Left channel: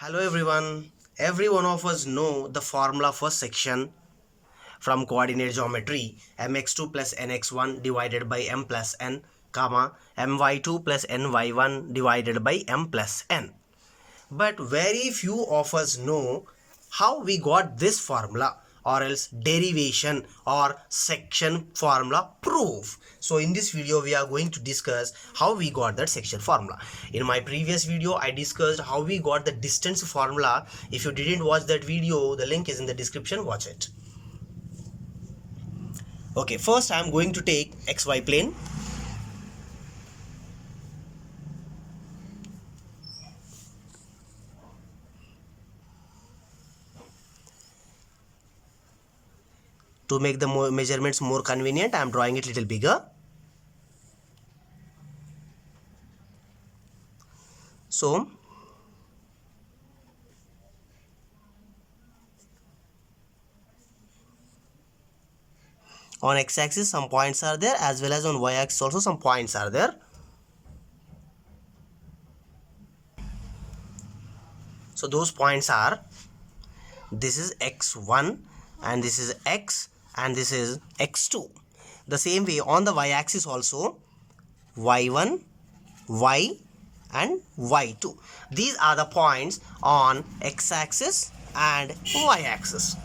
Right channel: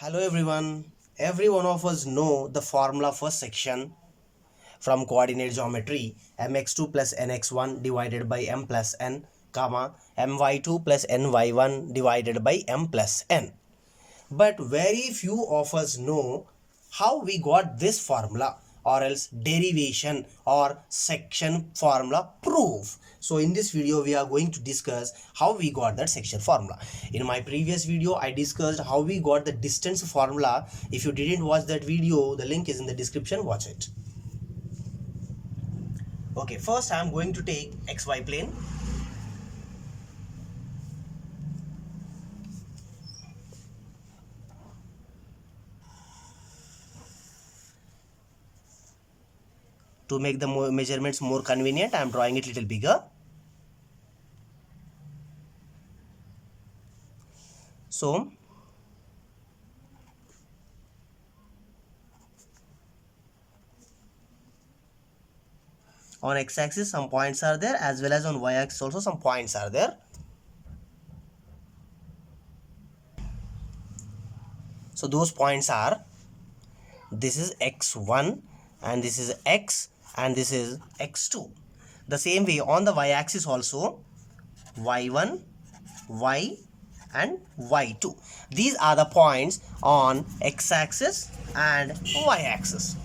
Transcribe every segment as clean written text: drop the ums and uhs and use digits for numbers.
Hello everyone. Every one of us know the formula for section from coordinate geometry mx2 plus nx1 divided by m plus n comma my2 plus ny1 divided by m plus n. But very few of us know how we got this formula or else derivation or section formula proof. So in this video we are going to discuss how we got that section formula. In my previous video I discussed how we got the distance formula. If you didn't watch that video, the link is in the description, watch it. Okay, first I am going to take xy plane. To make the measurements more convenient, I am drawing it little bigger. So on x-axis some points are there, as well as on y-axis also some points are there. So those points are, this is x1 and this is x and this is x2. The same way on the y-axis also y1, y and y2. These are the points on x-axis and y-axis.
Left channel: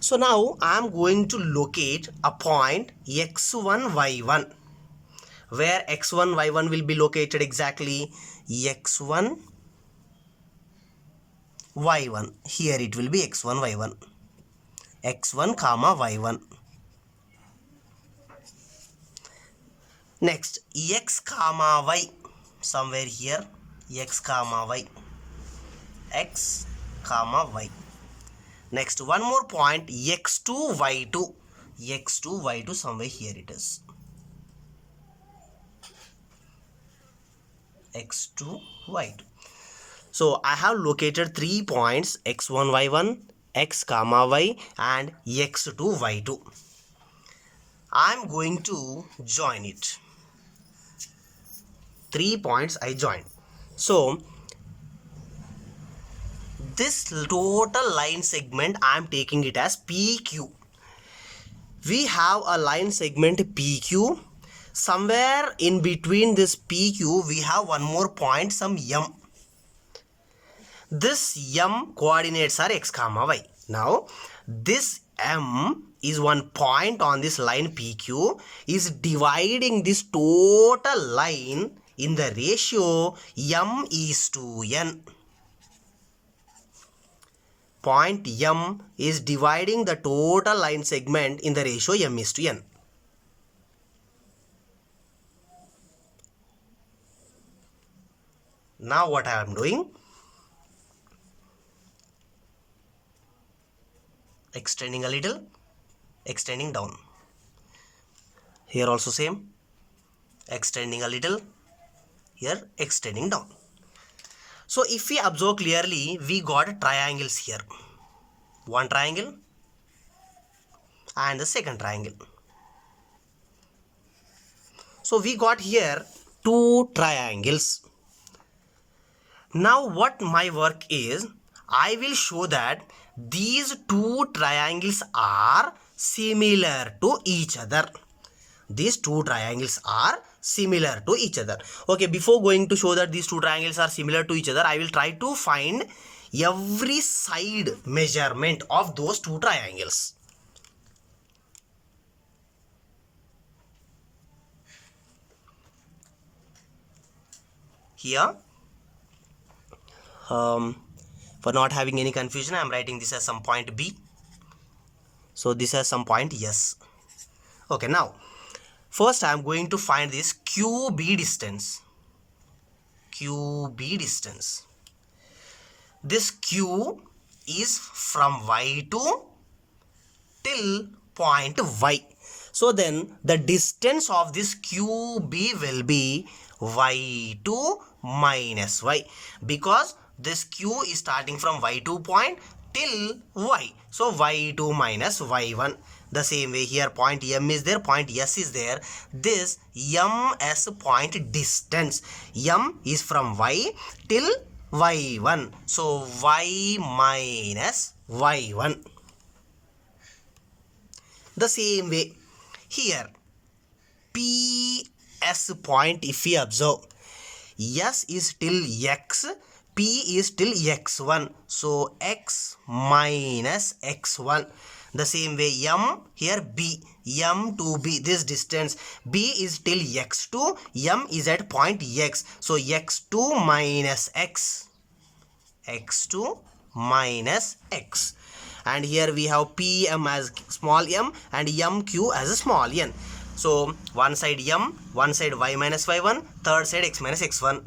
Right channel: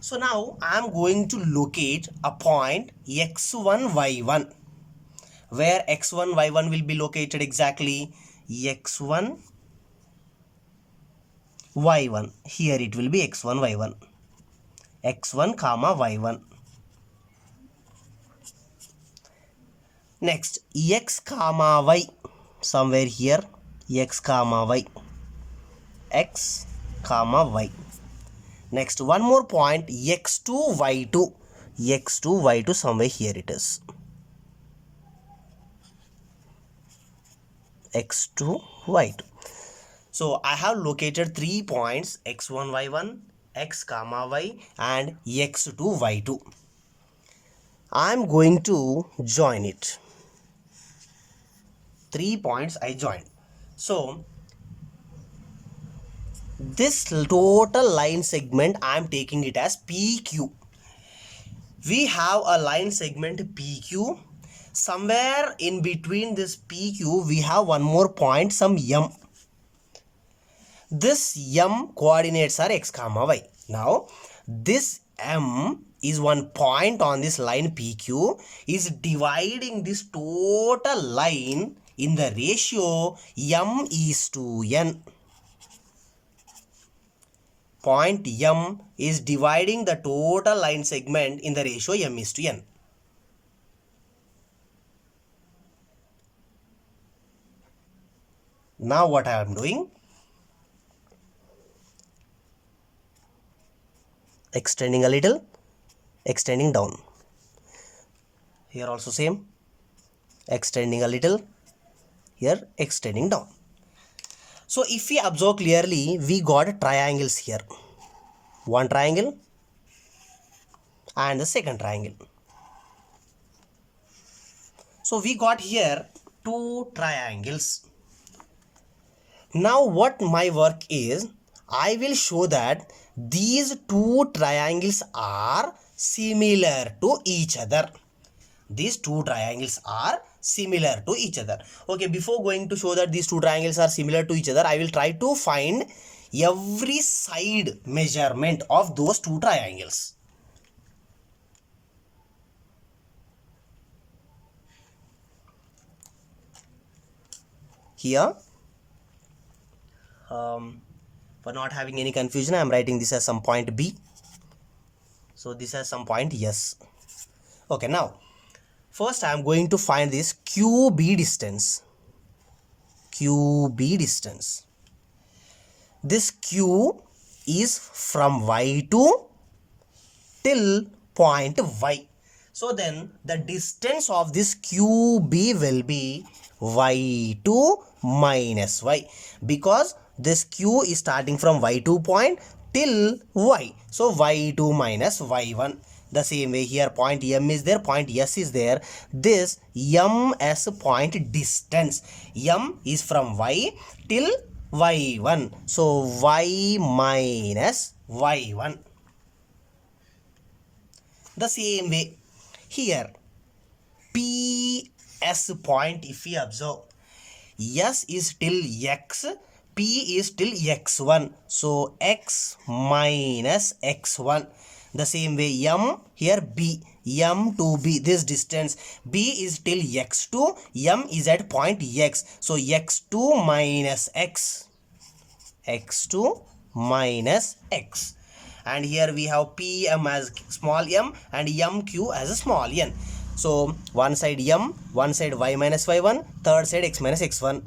So now I am going to locate a point x1, y1. Where x1, y1 will be located exactly? x1, y1. Here it will be x1, y1. x1 comma y1. Next x comma y, somewhere here, x comma y, x comma y. Next one more point x2 y2, x2 y2, somewhere here it is, x2 y2. So I have located 3 points x1 y1, x comma y and x2 y2. I am going to join it. 3 points I joined. So this total line segment I am taking it as PQ. We have a line segment PQ. Somewhere in between this PQ we have one more point, some M. This M coordinates are x comma y. Now this M is one point on this line PQ, is dividing this total line in the ratio M is to N. Point M is dividing the total line segment in the ratio M is to N. Now what I am doing? Extending a little, extending down. Here also same. Extending a little, here extending down. So if we observe clearly, we got triangles here. One triangle and the second triangle. So we got here 2 triangles. Now what my work is, I will show that these 2 triangles are similar to each other. These 2 triangles are similar to each other. Okay, before going to show that these 2 triangles are similar to each other, I will try to find every side measurement of those 2 triangles. Here, for not having any confusion, I am writing this as some point B. So this has some point S. Okay, now first I am going to find this QB distance. QB distance. This Q is from Y2 till point Y. So then the distance of this QB will be Y2 minus Y, because this Q is starting from Y2 point till Y. So Y2 minus Y1. The same way here point M is there, point S is there. This M as point distance. M is from Y till y1. So y minus y1. The same way here PS point, if we observe, S is till x, P is till x1. So x minus x1. The same way M here B, M to B, this distance B is till x2, M is at point x. So x2 minus x, x2 minus x. And here we have PM as small m and MQ as a small n. So one side m, one side y minus y1, third side x minus x1.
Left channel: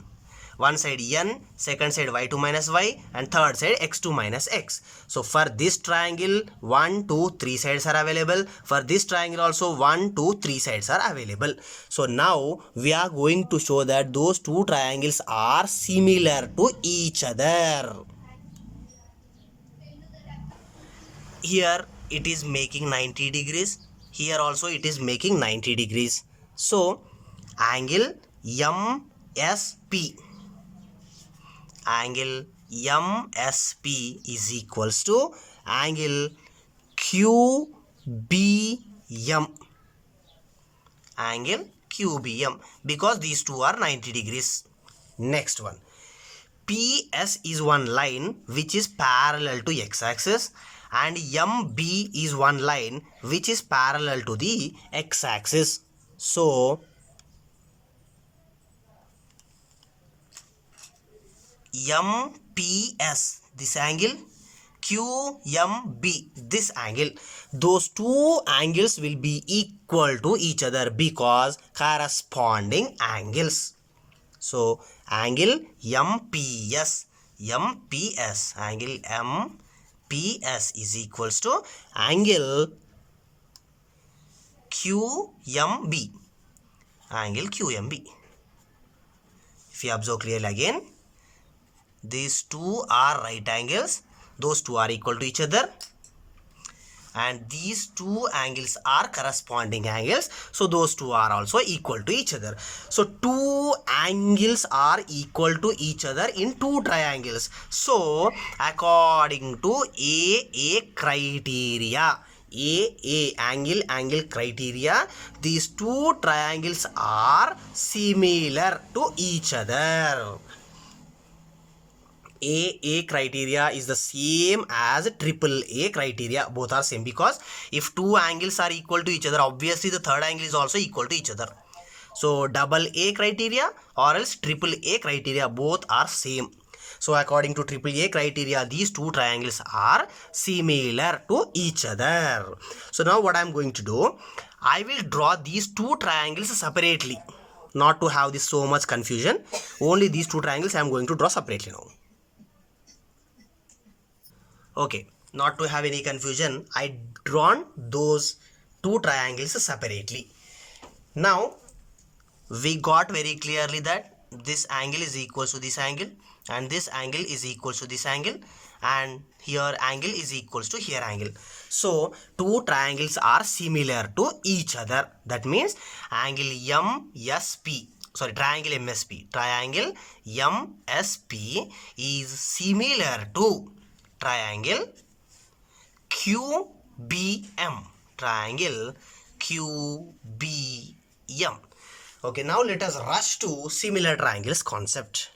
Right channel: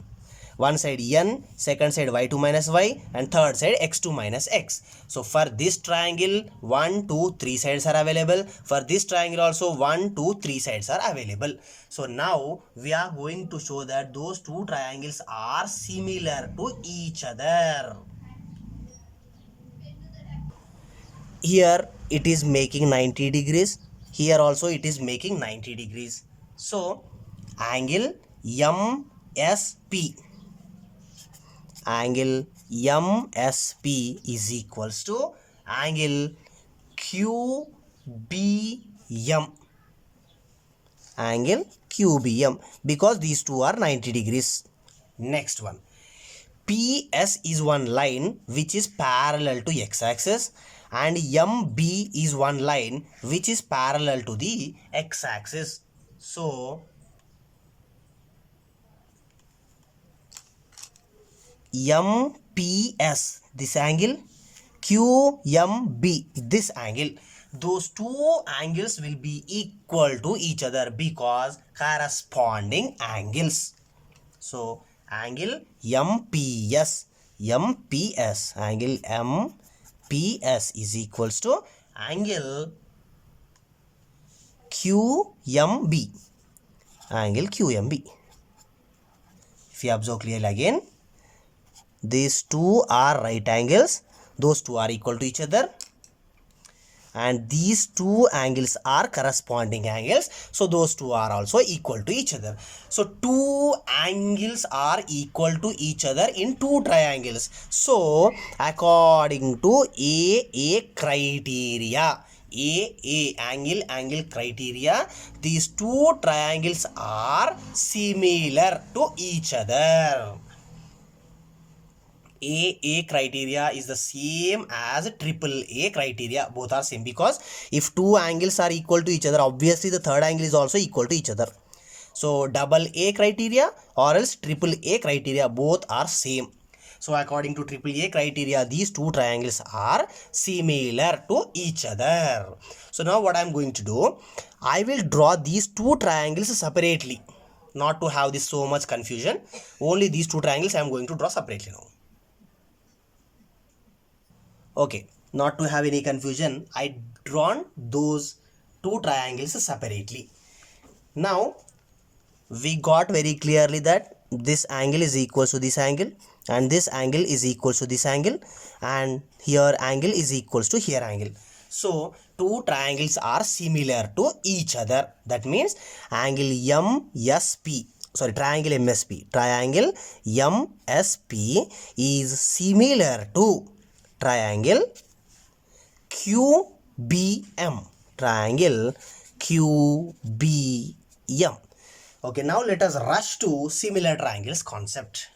One side n, second side y2 minus y, and third side x2 minus x. So for this triangle 1, 2, 3 sides are available. For this triangle also 1, 2, 3 sides are available. So now we are going to show that those two triangles are similar to each other. Here it is making 90 degrees, here also it is making 90 degrees. So angle MSP, angle MSP is equals to angle QBM, angle QBM, because these two are 90 degrees. Next one, PS is one line which is parallel to x-axis, and MB is one line which is parallel to the x-axis. So MPS, this angle, QMB, this angle, those two angles will be equal to each other because corresponding angles. So angle MPS, angle MPS is equals to angle QMB, angle QMB. If you observe clearly again, these two are right angles, those two are equal to each other, and these two angles are corresponding angles, so those two are also equal to each other. So two angles are equal to each other in two triangles. So according to AA criteria, AA angle criteria, these two triangles are similar to each other. AA criteria is the same as AAA criteria. Both are same, because if two angles are equal to each other, obviously the third angle is also equal to each other. So AA criteria or else AAA criteria, both are same. So according to AAA criteria, these two triangles are similar to each other. So now what I am going to do, I will draw these two triangles separately, not to have this so much confusion. Only these two triangles I am going to draw separately now. Okay, not to have any confusion, I drawn those two triangles separately. Now we got very clearly that this angle is equal to this angle, and this angle is equal to this angle, and here angle is equal to here angle. So two triangles are similar to each other. That means angle MSP, sorry, triangle MSP, triangle MSP is similar to triangle QBM, triangle QBM. Okay, now let us rush to similar triangles concept.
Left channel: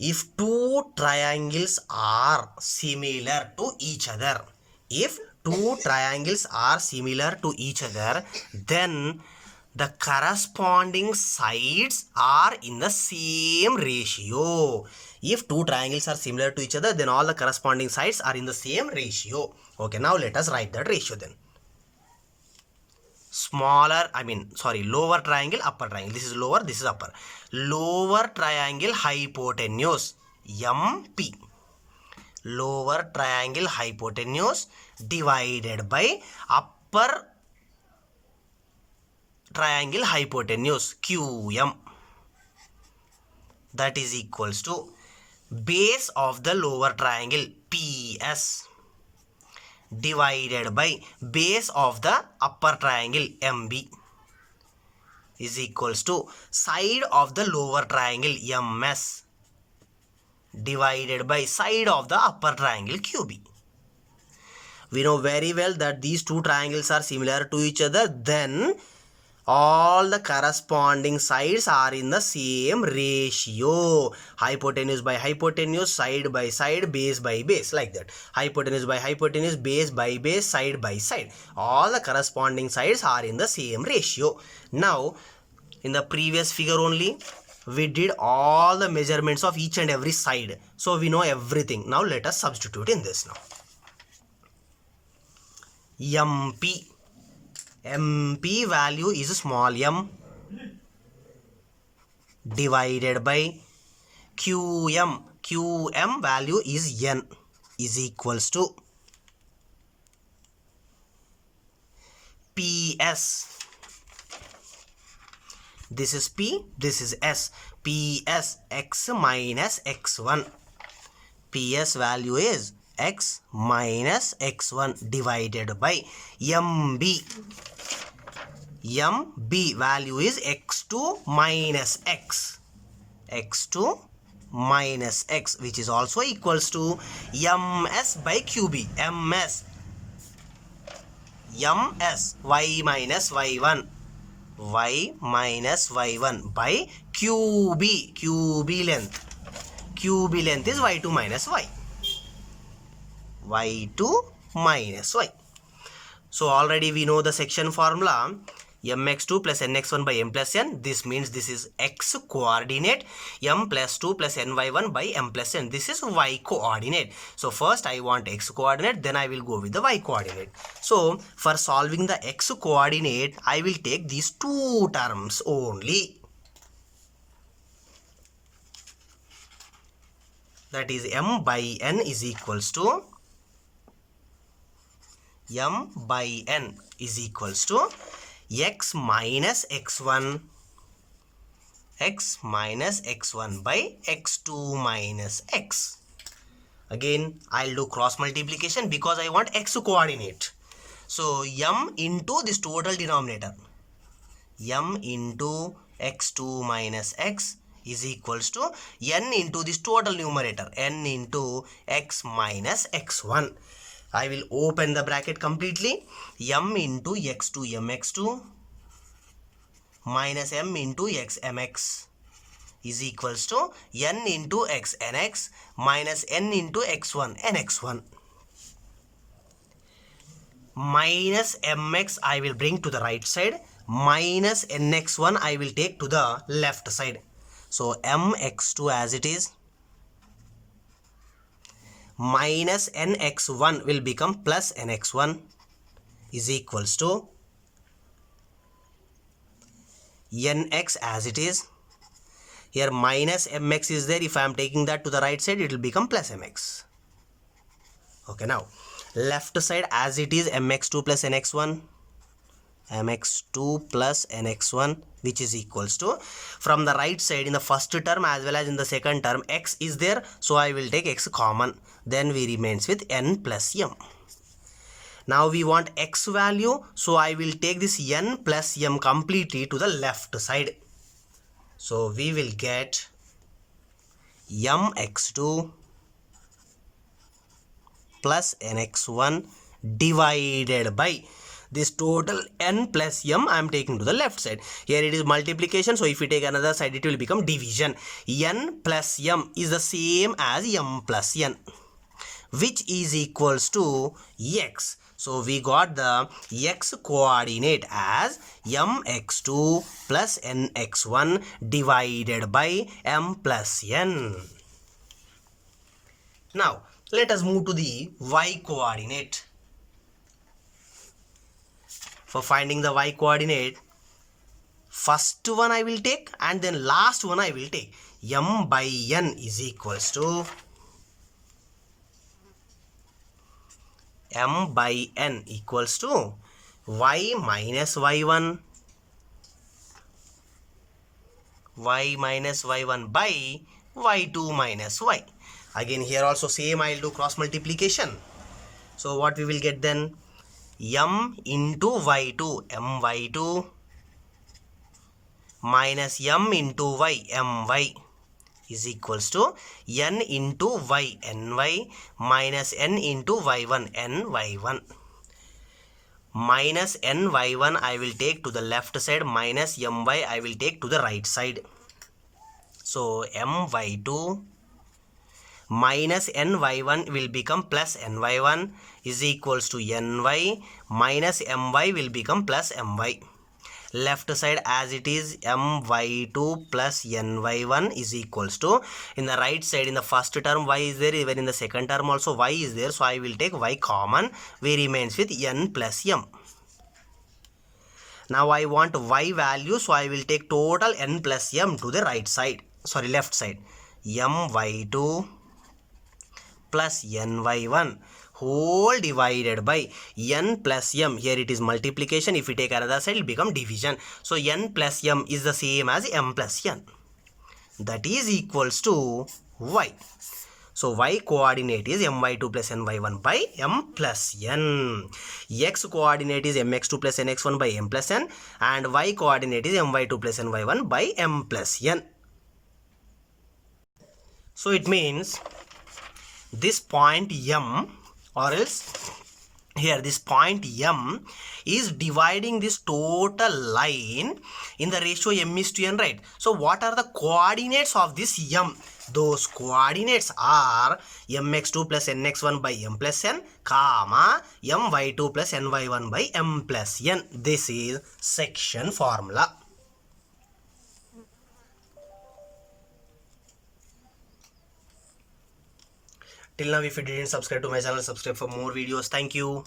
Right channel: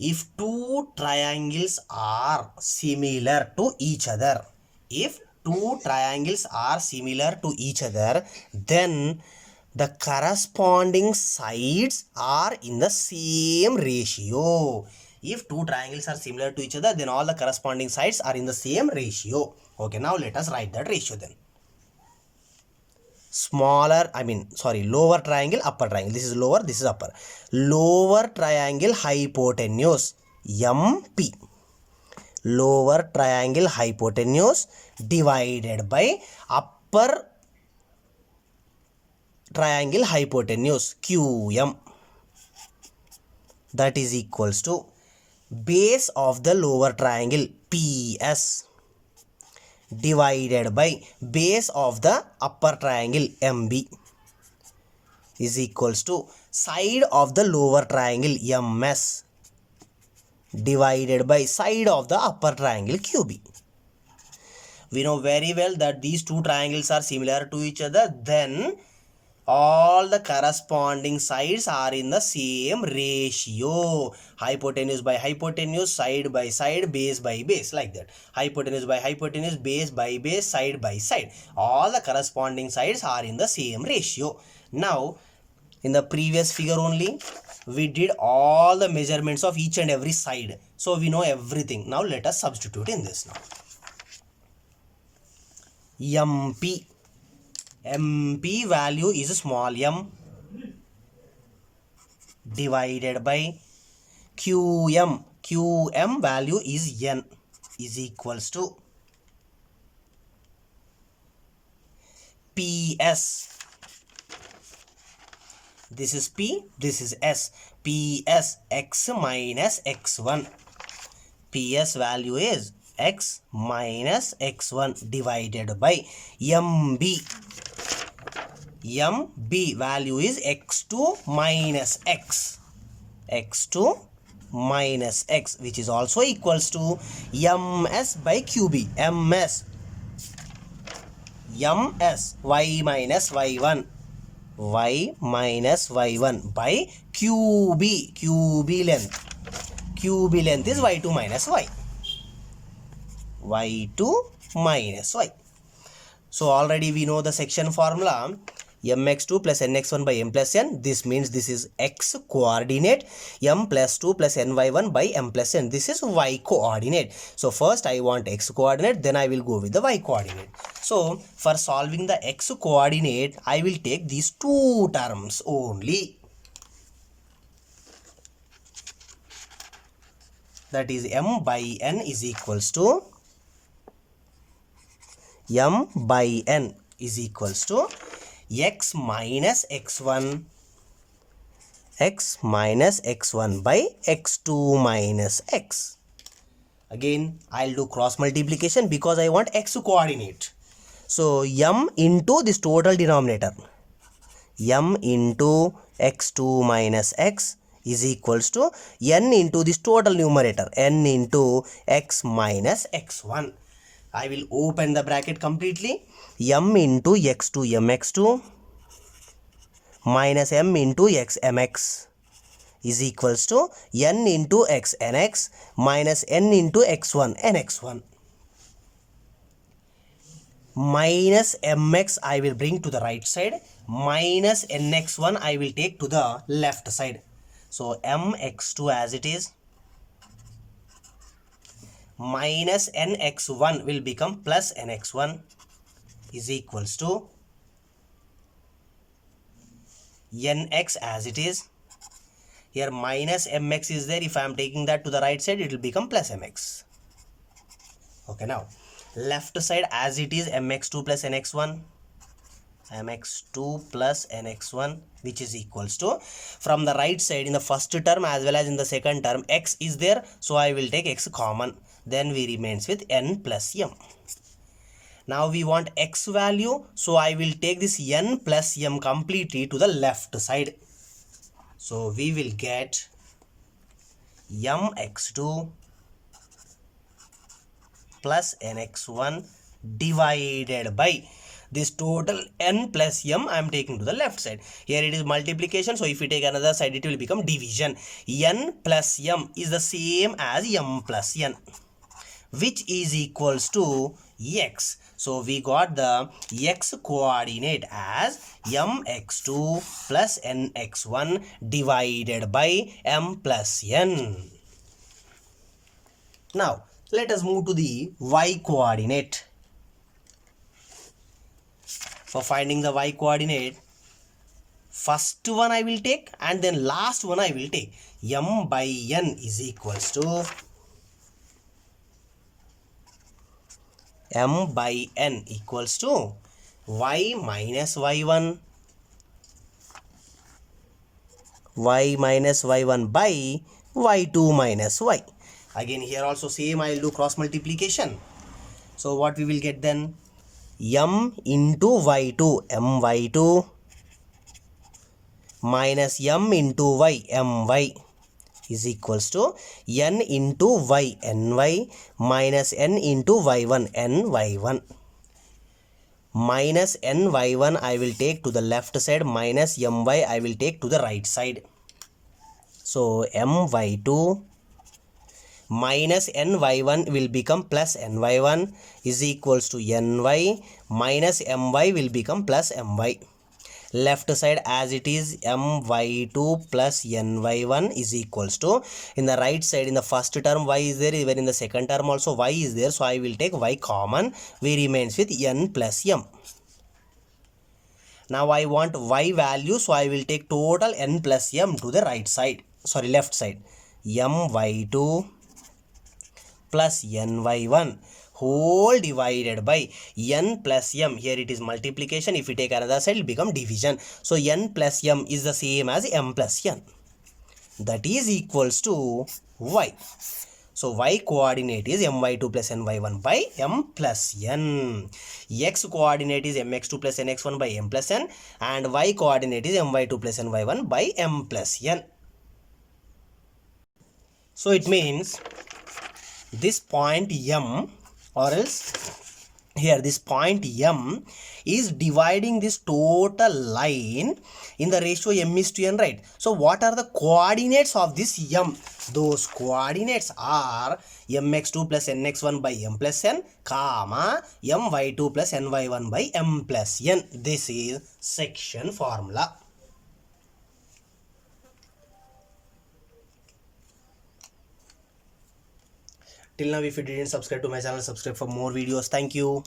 If two triangles are similar to each other, if two triangles are similar to each other, then the corresponding sides are in the same ratio. If two triangles are similar to each other, then all the corresponding sides are in the same ratio. Okay, now let us write that ratio then. Lower triangle, upper triangle. This is lower, this is upper. Lower triangle hypotenuse, MP. Lower triangle hypotenuse divided by upper triangle hypotenuse, QM. That is equals to base of the lower triangle, PS, divided by base of the upper triangle, MB, is equals to side of the lower triangle, MS, divided by side of the upper triangle QB. We know very well that these two triangles are similar to each other, then all the corresponding sides are in the same ratio. Hypotenuse by hypotenuse, side by side, base by base, like that. Hypotenuse by hypotenuse, base by base, side by side. All the corresponding sides are in the same ratio. Now, in the previous figure only, we did all the measurements of each and every side. So, we know everything. Now, let us substitute in this now. MP. MP value is small m divided by QM. QM value is n is equals to PS. This is P, this is S. PS x minus x1. PS value is x minus x1 divided by MB. MB value is x2 minus x. X2 minus x, which is also equals to MS by QB. MS y minus y1. Y minus y1 by QB. QB length. QB length is y2 minus y. Y2 minus y. So already we know the section formula, mx2 plus nx1 by m plus n. This means this is x coordinate, m plus 2 plus ny1 by m plus n. This is y coordinate. So first I want x coordinate, then I will go with the y coordinate. So for solving the x coordinate, I will take these two terms only. That is m by n is equals to m by n is equals to x minus x1 by x2 minus x. Again, I'll do cross multiplication because I want x coordinate. So m into this total denominator, m into x2 minus x is equals to n into this total numerator, n into x minus x1. I will open the bracket completely. M into x2 mx2 minus m into x mx is equals to n into x nx minus n into x1 nx1. Minus mx I will bring to the right side. Minus nx1 I will take to the left side. So mx2 as it is. Minus nx1 will become plus nx1 is equals to nx as it is. Here minus mx is there. If I am taking that to the right side, it will become plus mx. Okay, now left side as it is, mx2 plus nx1. mx2 plus nx1, which is equals to, from the right side in the first term as well as in the second term, x is there, so I will take x common, then we remains with n plus m. Now we want x value, so I will take this n plus m completely to the left side. So we will get mx2 plus nx1 divided by this total n plus m I am taking to the left side. Here it is multiplication, so if we take another side it will become division. N plus m is the same as m plus n, which is equals to x. So we got the x coordinate as mx2 plus nx1 divided by m plus n. Now let us move to the y coordinate. For finding the y coordinate, first one I will take and then last one I will take. M by n is equals to m by n equals to y minus y1 by y2 minus y. Again here also same, I will do cross multiplication. So what we will get then? M into y2 my2 minus m into y my is equals to n into y, ny minus n into y1, ny1. Minus ny1 I will take to the left side, minus my I will take to the right side. So my2 minus ny1 will become plus ny1 is equals to ny minus my will become plus my. Left side as it is, my2 plus ny1 is equals to, in the right side in the first term y is there, even in the second term also y is there, so I will take y common, we remains with n plus m. Now I want y value, so I will take total n plus m to the right side, sorry left side, my2 plus ny1 whole divided by n plus m. Here it is multiplication, if we take another side it will become division. So n plus m is the same as m plus n, that is equals to y. So y coordinate is my2 plus ny1 by m plus n. X coordinate is mx2 plus nx1 by m plus n, and y coordinate is my2 plus ny1 by m plus n. So it means this point m, or else here this point m is dividing this total line in the ratio m is to n, right? So what are the coordinates of this m? Those coordinates are mx2 plus nx1 by m plus n, comma my2 plus ny1 by m plus n. This is section formula. Till now, if you didn't subscribe to my channel, subscribe for more videos. Thank you.